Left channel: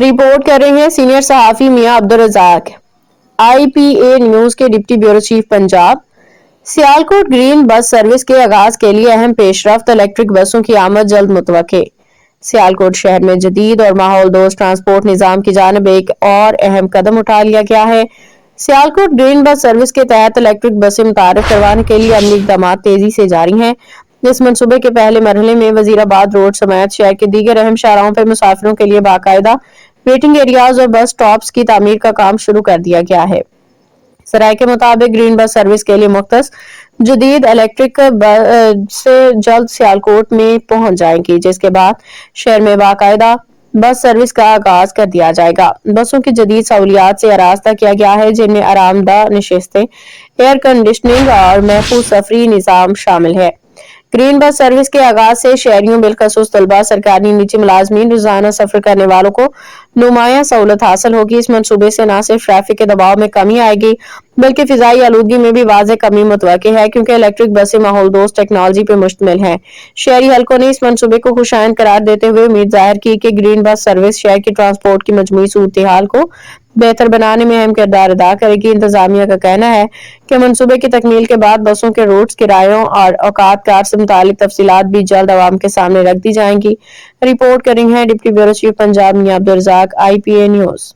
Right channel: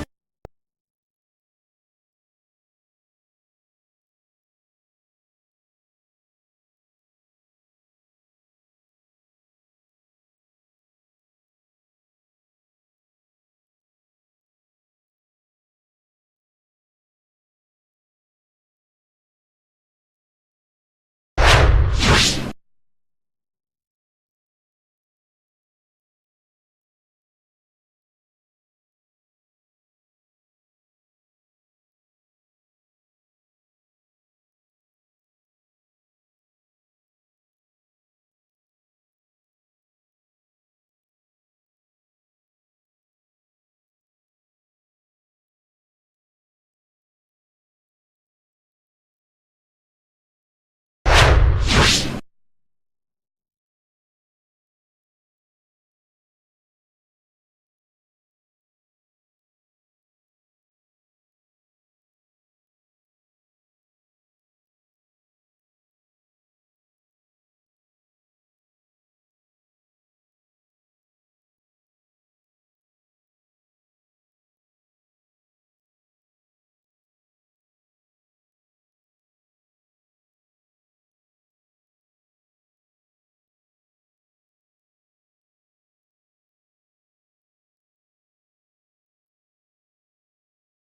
Report کر رہے ہیں سینئر صحافی میاں عبدالرزاق، IPA نیوز کے deputy bureau chief Punjab. Sialkot green bus service کے آغاز کے لیے اہم پیش رفت، الیکٹرک بسوں کی آمد جلد متوقع۔ سیالکوٹ شہر میں جدید اور ماحول دوست ٹرانسپورٹ نظام کی جانب ایک اور اہم قدم اٹھا لیا گیا ہے۔ سیالکوٹ گرین بس سروس کے تحت الیکٹرک بسیں متعارف کروانے کے لیے عملی اقدامات تیزی سے جاری ہیں۔ اس منصوبے کے پہلے مرحلے میں وزیرآباد روڈ سمیت شہر کے دیگر اہم شاہراہوں پر مسافروں کے لیے باقاعدہ ویٹنگ ایریاز اور بس سٹاپس کی تعمیر کا کام شروع کر دیا گیا ہے۔ ذرائع کے مطابق گرین بس سروس کے لیے مختص جدید الیکٹرک سے جلد سیالکوٹ میں پہنچ جائیں گی، جس کے بعد شہر میں باقاعدہ بس سروس کا آغاز کر دیا جائے گا۔ بسوں کی جدید سہولیات سے آراستہ کیا گیا ہے، جن میں آرام دہ نشستیں، ایئر کنڈیشننگ اور محفوظ سفری نظام شامل ہے۔ گرین بس سروس کے آغاز سے شہریوں بالخصوص طلباء، سرکاری نجی ملازمین، روزانہ سفر کرنے والوں کو نمایاں سہولت حاصل ہوگی۔ اس منصوبے سے نہ صرف ٹریفک کے دباؤ میں کمی آئے گی بلکہ فضائی آلودگی میں بھی واضح کمی متوقع ہے، کیونکہ الیکٹرک بسیں ماحول دوست ٹیکنالوجی پر مشتمل ہیں۔ شہری حلقوں نے اس منصوبے کو خوشائند قرار دیتے ہوئے امید ظاہر کی کہ گرین بس سروس شہر کی ٹرانسپورٹ کی مجموعی صورتحال کو بہتر بنانے میں اہم کردار ادا کرے گی۔ انتظامیہ کا کہنا ہے کہ منصوبے کی تکمیل کے بعد بسوں کے روٹس، کرایوں اور اوقات کار سے متعلق تفصیلات بھی جلد عوام کے سامنے رکھ دی جائیں گی۔ رپورٹ کر رہی ہیں ڈپٹی بیورو چیف پنجاب میاں عبدالرزاق، IPA نیوز۔